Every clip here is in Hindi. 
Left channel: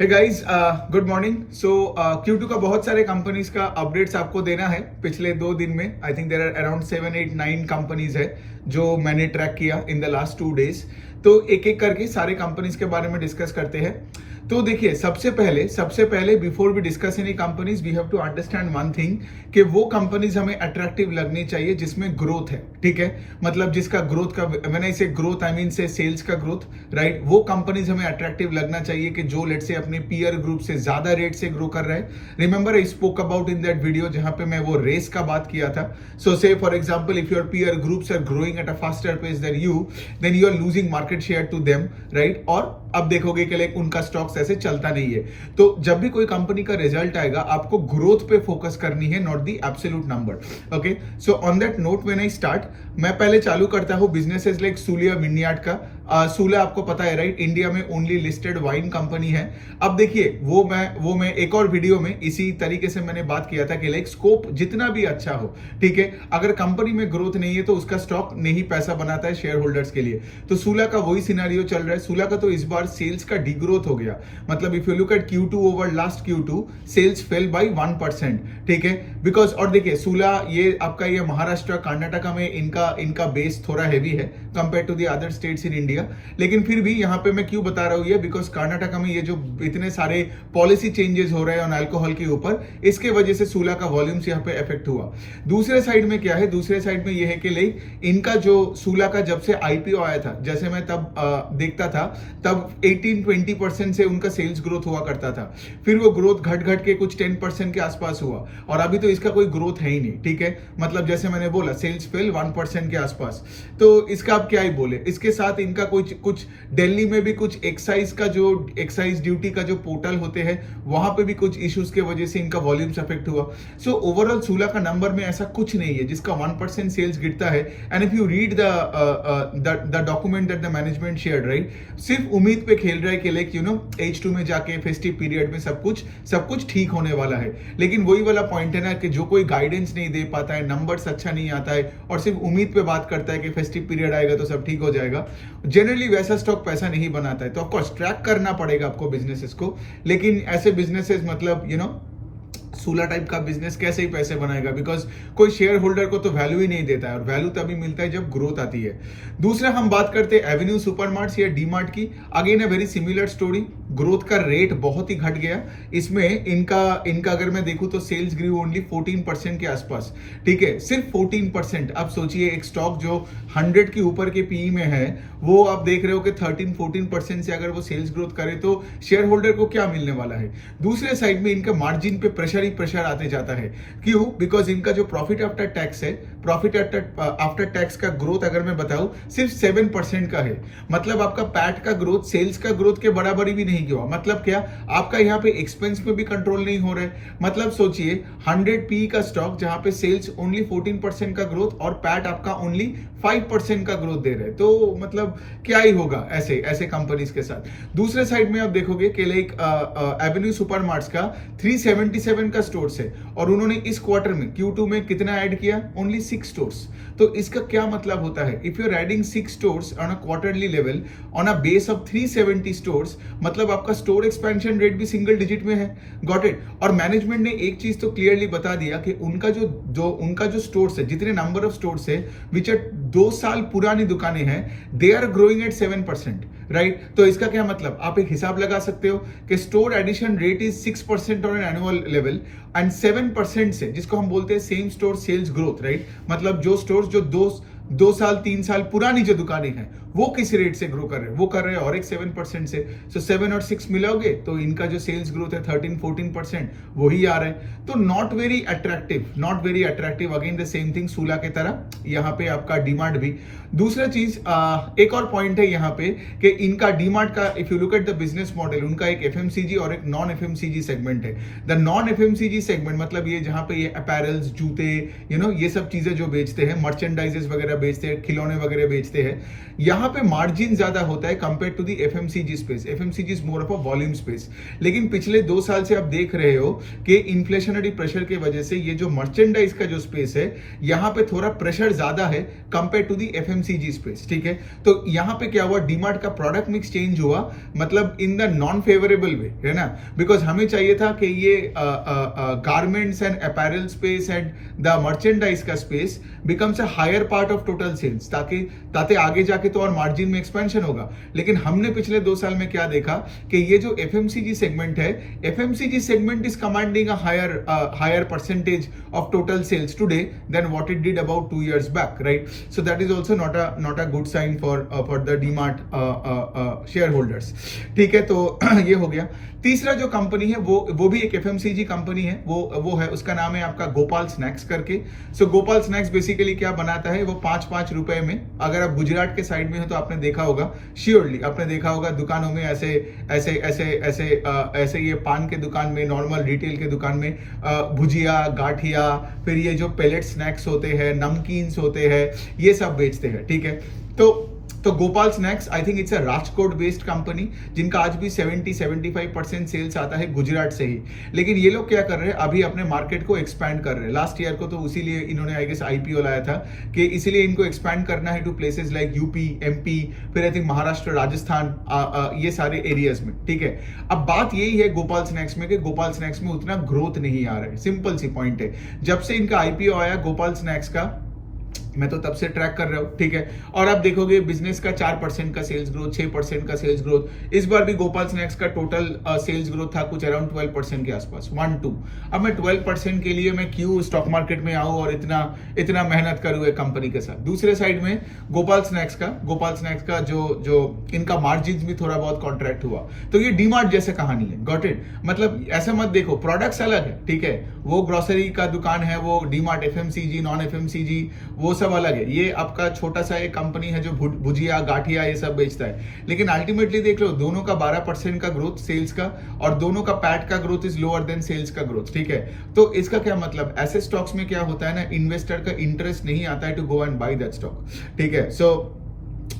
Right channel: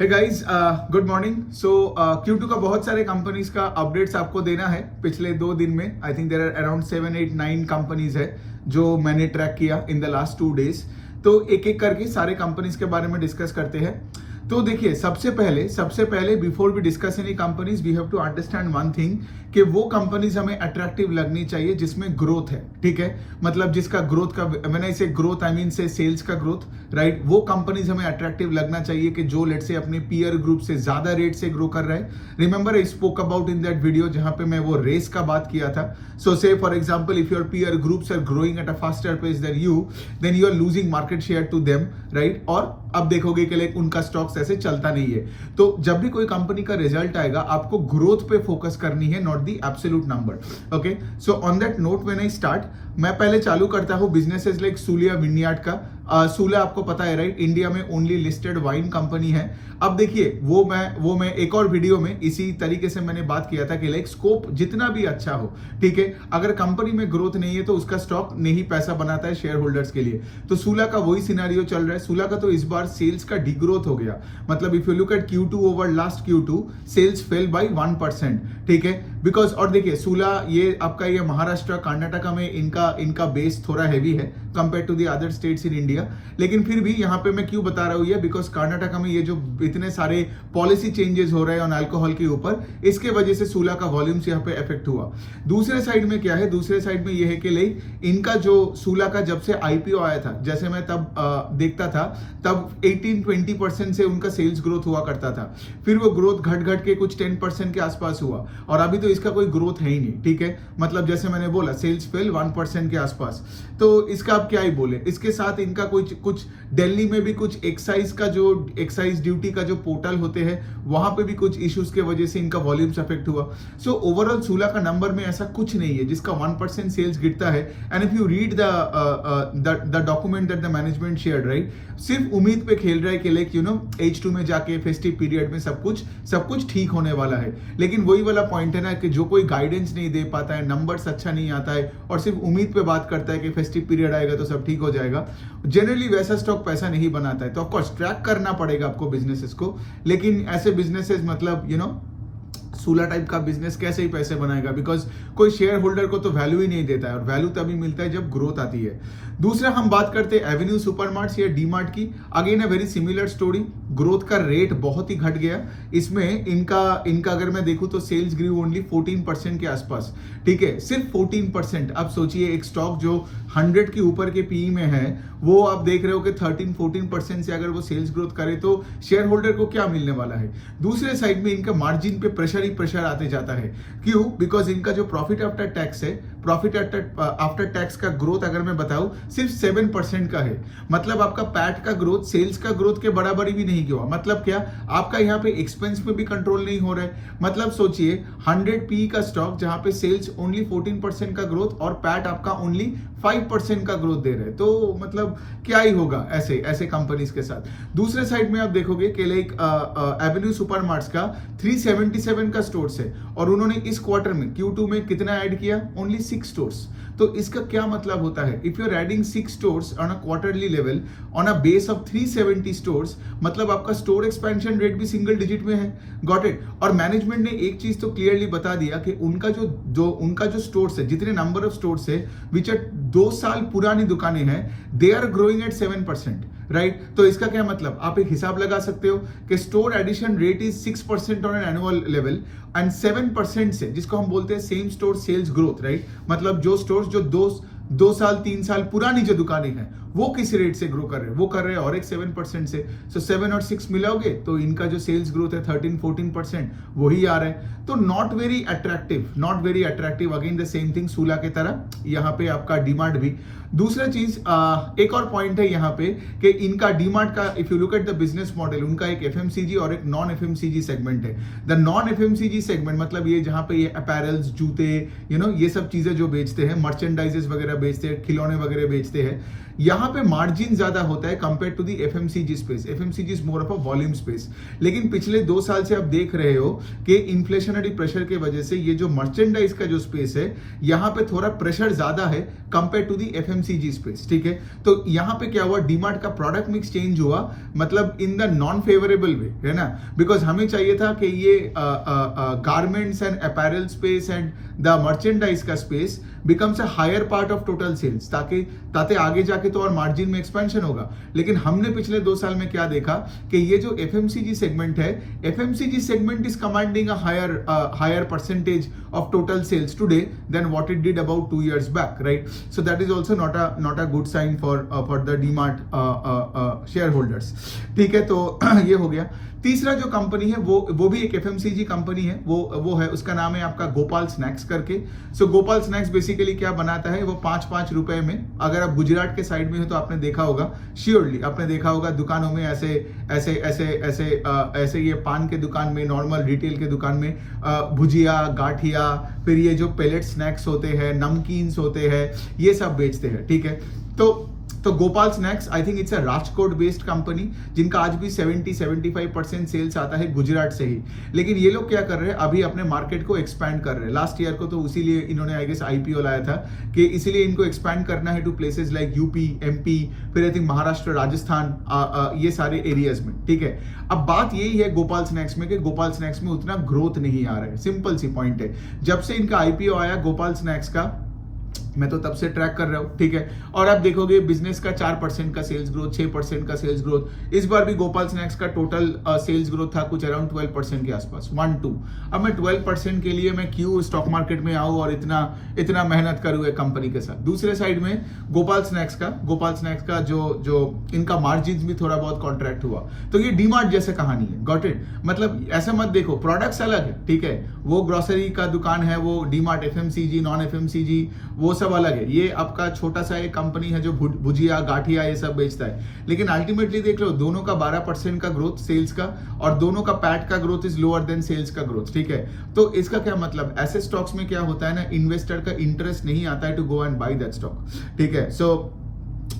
हे guys, good morning. So Q2 का बहुत सारे कंपनीज का अपडेट्स आपको देना है पिछले 2 दिन में। I think there are around 7, 8, 9 companies है जो मैंने ट्रैक किया इन द लास्ट 2 डेज। तो एक एक करके सारे कंपनीज के बारे में डिस्कस करते हैं। तो देखिए, सबसे पहले before we discuss any companies we have to understand one thing कि वो कंपनीज हमें अट्रैक्टिव लगनी चाहिए जिसमें ग्रोथ है। ठीक है, मतलब जिसका ग्रोथ का, मैंने इसे ग्रोथ आई मीन से सेल्स का ग्रोथ, राइट। वो कंपनीज हमें अट्रैक्टिव लगना चाहिए कि जो लेट से अपने पीयर ग्रुप से ज्यादा रेट से ग्रो कर रहे हैं। Remember I spoke about in that video जहां पे मैं वो रेस का बात किया था। So say for example, if your peer groups are growing at a faster pace then you are losing market share to them, right. और अब देखोगे कि लाइक उनका स्टॉक्स ऐसे चलता नहीं है। तो जब भी कोई कंपनी का रिजल्ट आएगा, आपको ग्रोथ पे फोकस करनी है, not the absolute number. Okay, so on that note when I start, मैं पहले चालू करता हूं बिजनेसेस लाइक सूलिया विनयार्ड का। सूला आपको पता है, राइट, इंडिया में ओनली लिस्टेड वाइन कंपनी है। अब देखिए, वो मैं एक और वीडियो में इसी तरीके से मैंने बात किया था कि लाइक स्कोप जितना भी अच्छा हो, ठीक है, अगर कंपनी में ग्रोथ नहीं है तो उसका स्टॉक नहीं पैसा बनाता है शेयर होल्डर्स के लिए। तो सूला का वही सिनेरियो चल रहा है। सूला का तो इस बार सेल्स का डिग्रोथ हो गया। मतलब if you look at Q2 over last Q2, sales fell by 1%। ठीक है, बिकॉज और देखिए, सूला ये आपका ये महाराष्ट्र कर्नाटका में इनका बेस थोड़ा हैवी है compare to the other states in India. लेकिन फिर भी यहाँ पे मैं क्यों बता रहा हूँ ये, बिकॉज कर्नाटका में ये जो इतने सारे पॉलिसी चेंजेस हो रहे हैं ऑन अल्कोहल के ऊपर, इसके वजह से सूला का वॉल्यूम्स यहाँ पे इफेक्ट हुआ। दूसरे साइड में क्या है, दूसरे साइड में ये है कि लाइक इनका जो सूला का जब से IPO आया था, जैसे मैं तब देखता था, तब 18-20% से उनका सेल्स ग्रोथ हुआ करता था। फिर वो ग्रोथ घट के कुछ 10% के आसपास हुआ, और अभी तो इसका कोई ग्रोथ है ही नहीं। ठीक है, मतलब जैसे मैंने बोला, सेल्स फेल 1% के आसपास। तो इसका आप क्या ही बोले। इसके साथ इनका कुछ दिल्ली में भी कुछ एक्साइज ड्यूटी का जो पोर्टल होते हैं, वहां पे भी कुछ इश्यूज के वजह से इनका वॉल्यूम्स अफेक्ट हुआ। सो ओवरऑल सूला का नंबर में ऐसा कुछ नहीं है जिसका 1% सेल्स गिरता है। And if you read the document that the management shared, right, सिर्फ उम्मीद पे खेल रहा है कि लाइक H2 में जाके फेस्टिव पीरियड में सब कुछ ठीक होने वाला है। लेकिन वही वाला पॉइंट है ना कि जो कोई गाइडेंस नहीं दे पाता है, नंबर्स अच्छा नहीं आता है और सिर्फ उम्मीद पे बात करता है कि फेस्टिव पीरियड आएगा तो सब ठीक हो जाएगा, जनरली वैसा स्टॉक पैसा नहीं बनाता है। तो ऑफकोर्स ट्रैक करना पड़ेगा आपको बिजनेसेस को, लेकिन ऐसे बिजनेसेस मतलब सूला टाइप का बिजनेस कैसे ही पैसे बनाएगा, बिकॉज कोई शेयर होल्डर को तो वैल्यू ही नहीं देता है, और वैल्यू तभी मिलता है जब ग्रोथ आती है। दूसरा हम बात करते हैं एवेन्यू सुपरमार्ट्स या डीमार्ट की। Again a very similar story, growth का रेट बहुत ही घट गया। इसमें इनका अगर मैं देखूं तो सेल्स ग्रू ओनली 14% के आसपास। ठीक है, सिर्फ 14%। अब सोचिए, एक स्टॉक जो 100 के ऊपर के PE में है, वो आप देख रहे हो कि 13-14% से अगर वो सेल्स ग्रोथ करे तो शेयर होल्डर को क्या मिलने वाला है। दूसरे साइड में इनके मार्जिन पे प्रेशर आते जाता है। क्यों? बिकॉज इनका जो प्रॉफिट आफ्टर टैक्स है, प्रॉफिट आफ्टर टैक्स का ग्रोथ अगर मैं बताऊं सिर्फ 7% का है। मतलब आपका पैट का ग्रोथ सेल्स का ग्रोथ के बराबरी भी नहीं हुआ। मतलब क्या, आपका यहाँ पे एक्सपेंस में भी कंट्रोल नहीं हो रहे। मतलब सोचिए, 100 PE का स्टॉक जहां पे सेल्स ओनली 14% का ग्रोथ और पैट आपका ओनली 5% का ग्रोथ दे रहे, तो मतलब क्या ही होगा ऐसे कंपनीज के साथ। दूसरे साइड में आप देखोगे कि लाइक एवेन्यू सुपरमार्ट्स का 377 का स्टोर्स है, और उन्होंने इस क्वार्टर में Q2 में कितना ऐड किया? Only 6 stores. तो इसका क्या मतलब होता है? If you are adding 6 stores on a quarterly level on a base of 370 stores, मतलब आपका स्टोर एक्सपेंशन रेट भी सिंगल डिजिट में है। Got it. और मैनेजमेंट ने एक चीज तो क्लियरली बता दिया कि उनका जो स्टोर्स है, जितने नंबर ऑफ स्टोर्स है विच आर 2 साल पुरानी दुकानें हैं, they are growing at 7%, right. तो इसका क्या मतलब, आप एक हिसाब लगा सकते हो कि store addition rate is 6% on an annual level and 7% से, जिसको हम बोलते हैं same store sales growth, right. मतलब जो स्टोर्स जो 2 साल 3 साल पुरानी जो दुकानें हैं, वो किस रेट से ग्रो कर रहे हैं? वो कर रहे हैं और एक 7% से। सो 7 और 6 मिलाओगे तो इनका जो सेल्स ग्रोथ है 13-14%, वही आ रहा है। तो not very attractive. Again the same thing सूला के तरह यहाँ पे आपका डीमार्ट भी। दूसरा चीज, एक और पॉइंट है यहाँ पे कि इनका डीमार्ट का, if you look at the business model, उनका एक FMCG और एक नॉन FMCG सेगमेंट है। द नॉन FMCG सेगमेंट मतलब ये जहां पे ये अपैरल्स, जूते, ये सब चीजें जो बेचते हैं, मर्चेंडाइजेस वगैरह बेचते हैं, खिलौने वगैरह बेचते हैं, यहाँ पे मार्जिन ज्यादा होता है compare to the FMCG space. FMCG is more of a volume space. लेकिन पिछले 2 साल से आप देख रहे हो कि इन्फ्लेशनरी प्रेशर की वजह से ये जो मर्चेंडाइज का जो स्पेस है यहाँ पे थोड़ा प्रेशर ज्यादा है compare to the FMCG space, ठीक है। तो यहाँ पे क्या हुआ, डीमार्ट का प्रोडक्ट मिक्स चेंज हुआ, मतलब in the non favourable way, है ना। बिकॉज हमें चाहिए था कि ये garments and apparel space and the merchandise का space becomes a higher part of total sales, ताकि आगे जाके तो और मार्जिन में एक्सपेंशन होगा। लेकिन हमने पिछले 2 साल में क्या देखा कि ये जो एफएमसीजी सेगमेंट है, FMCG segment is commanding a higher percentage of total sales today than what it did about 2 years back, right. So that is also not a good sign for the DMart shareholders, ठीक है। तो ये हो गया। तीसरा जो कंपनी है वो भी एक एफएमसीजी कंपनी है, वो है, उसका नाम है आपका गोपाल स्नैक्स करके। सो गोपाल स्नैक्स बेसिकली क्या बनाता है, वो 5-5 रुपए में, अगर आप गुजरात के साइड में हो तो आपने देखा होगा, श्योरली आपने देखा होगा दुकानों में ऐसे ये पान के दुकान में, नॉर्मल रिटेल के दुकान में भुजिया, गाठिया, फिर ये जो पेलेट स्नैक्स होते हैं, नमकीन्स होते हैं, ये सब बेचते हैं, ठीक है। तो Gopal snacks I think it's a Rajkot based company, जिनका आज भी 70-75% सेल्स आता है गुजरात से ही। लेकिन ये लोग क्या कर रहे हैं, अभी अपने मार्केट को एक्सपैंड कर रहे हैं। लास्ट ईयर को तो इसीलिए इन्होंने आई गेस आईपीओ लाया था कि इसीलिए इनको एक्सपैंड करना है to places like UP, MP, फिर आई थिंक महाराष्ट्र, राजस्थान, ये सारे एरियाज में, ठीक है। अब बात यही है गोपाल स्नैक्स में कि गोपाल स्नैक्स में उतना ग्रोथ नहीं आ रहा है। सिंपल सी पॉइंट है, जब से इनका आईपीओ आया गोपाल स्नैक्स का, मैं तो तब से ट्रैक कर रहा हूं, ठीक है। और आप देखोगे बिजनेस का 4% का सेल्स ग्रोथ, 6% का सेल्स ग्रोथ। इस बार भी गोपाल स्नैक्स का टोटल सेल्स ग्रोथ था कुछ अराउंड 12% के आसपास, 1-2। अब मैं 12% के लिए मैं क्यों स्टॉक मार्केट में आऊं और इतना मेहनत करूं एक कंपनी के साथ। दूसरे साइड में गोपाल स्नैक्स का जो इनका मार्जिन भी थोड़ा बहुत कॉन्ट्रैक्ट हुआ। तो ये डीमार्ट जैसे कहानी है, गॉट इट। मतलब ऐसे मत देखो, प्रोडक्ट्स अलग है, ठीक है। वो ग्रोसरी का दुकान है, वो डीमार्ट एफएमसीजी, नॉन एफएमसीजी, वो सब अलग है। ये आपका छोटा सा एक कंपनी है जो भुजिया, गाठिया ये सब बेचता है। लेकिन अल्टीमेटली देख लो, दोनों का 12% का ग्रोथ सेल्स का, और दोनों का पैट का growth is lower than sales का ग्रोथ, ठीक है। तो इसका क्या मतलब, ऐसे स्टॉक्स में क्या होता है ना, इन्वेस्टर का इंटरेस्ट नहीं आता है to go and buy that stock, ठीक है। सो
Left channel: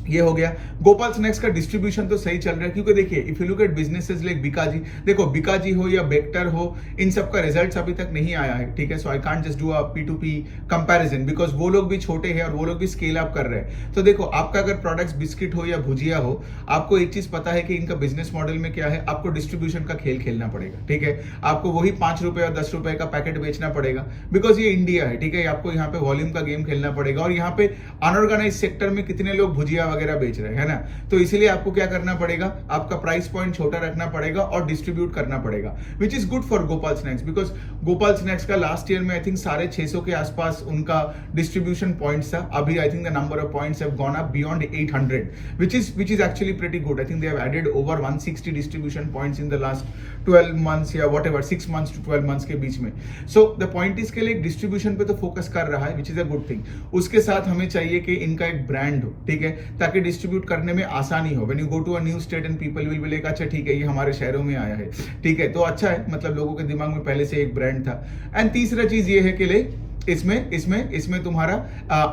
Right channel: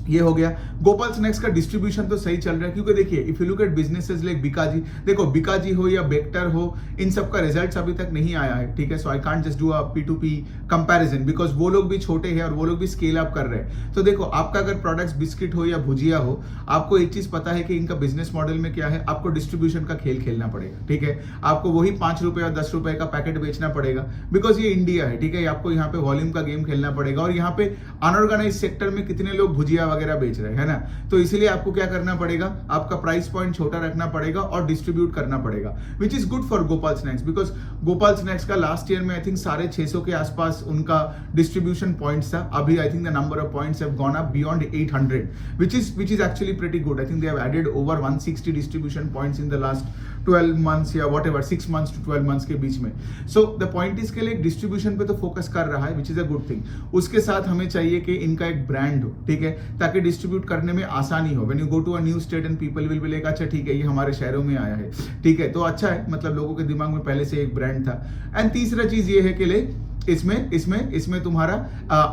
ये हो गया। गोपाल स्नैक्स का डिस्ट्रीब्यूशन तो सही चल रहा है, क्योंकि देखिए if you look eight businesses like Bikaji, देखो बीकाजी हो या बेक्टर हो, इन सब का रिजल्ट्स अभी तक नहीं आया है, ठीक है। So I can't just do a P2P comparison, because वो लोग भी छोटे हैं और वो लोग भी स्केल अप कर रहे हैं। तो देखो, आपका अगर प्रोडक्ट्स बिस्किट हो या भुजिया हो, आपको एक चीज पता है कि इनका बिजनेस मॉडल में क्या है, आपको डिस्ट्रीब्यूशन का खेल खेलना पड़ेगा, ठीक है। आपको वही 5 रुपए और 10 रुपए का पैकेट बेचना पड़ेगा, बिकॉज ये इंडिया है, ठीक है। आपको यहाँ पे वॉल्यूम का गेम खेलना पड़ेगा, और यहाँ पे अनऑर्गेनाइज सेक्टर में कितने लोग भुजिया वगैरह बेच रहे हैं, है ना। तो इसीलिए आपको क्या करना पड़ेगा, आपका प्राइस पॉइंट छोटा रखना पड़ेगा और डिस्ट्रीब्यूट करना पड़ेगा, which is good for Gopal snacks. Because Gopal snacks का लास्ट ईयर में आई थिंक 650 के आसपास उनका डिस्ट्रीब्यूशन पॉइंट्स था। अभी I think the number of points have gone up beyond 800, which is actually pretty good. I think they have added over 160 distribution points in the last 12 months या whatever 6 months to 12 months के बीच में। So the point is के लिए डिस्ट्रीब्यूशन पे तो फोकस कर रहा है, which is a good thing। उसके साथ हमें चाहिए कि इनका एक ब्रांड हो, ठीक है, ताकि डिस्ट्रीब्यूट करने में आसानी हो। When you go to a new state and people will be like, अच्छा ठीक है, ये हमारे शहरों में आया है, ठीक है, तो अच्छा है, मतलब लोगों के दिमाग में पहले से एक ब्रांड था। एंड तीसरा चीज ये है कि ले इसमें तुम्हारा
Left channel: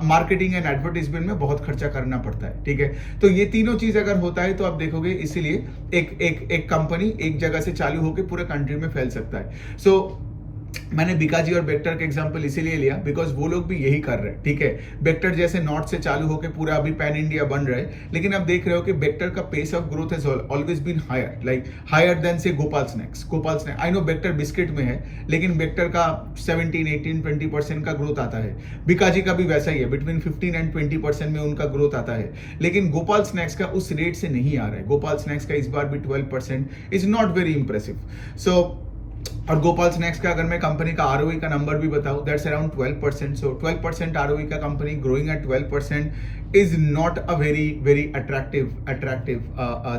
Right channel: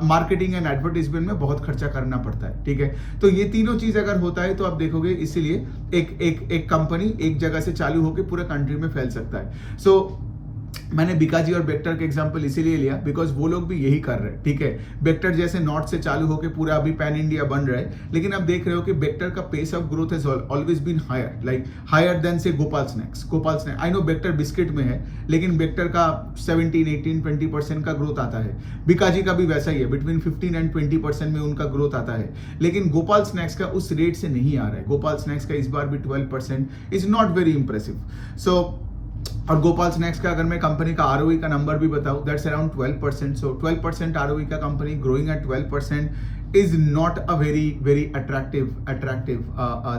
मार्केटिंग एंड एडवर्टाइजमेंट में बहुत खर्चा करना पड़ता है, ठीक है। तो ये तीनों चीज अगर होता है तो आप देखोगे, इसीलिए एक कंपनी एक जगह से चालू होकर पूरे कंट्री में फैल सकता है। सो मैंने बीकाजी और बेक्टर का एग्जांपल इसीलिए लिया बिकॉज वो लोग भी यही कर रहे हैं, ठीक है। बेक्टर जैसे नॉर्थ से चालू होकर पूरा अभी पैन इंडिया बन रहा है, लेकिन अब देख रहे हो कि बेक्टर का pace of growth has always been higher, like higher than say Gopal snacks. I know Bector biscuit में है, लेकिन बेक्टर का 17, 18, 20% का ग्रोथ आता है। बीकाजी का भी वैसा ही है, बिटवीन 15 एंड 20% में उनका ग्रोथ आता है। लेकिन गोपाल स्नैक्स का उस रेट से नहीं आ रहा है। गोपाल स्नैक्स का इस बार भी 12% इज नॉट वेरी इंप्रेसिव। सो और गोपाल स्नैक्स का अगर मैं कंपनी का ROE का नंबर भी बताऊं, दैट्स अराउंड 12%। सो 12% ROE का company growing at 12% is not a very attractive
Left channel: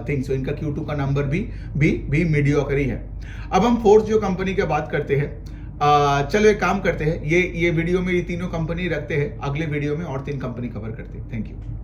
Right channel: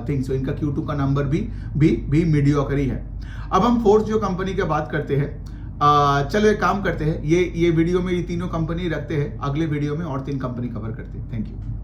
thing. So इनका Q2 का नंबर भी मीडियोकर ही है। अब हम फोर्थ जो कंपनी की बात करते हैं, चलो एक काम करते हैं, ये वीडियो में ये तीनों कंपनी रखते हैं, अगले वीडियो में और 3 कंपनी कवर करते हैं। Thank you.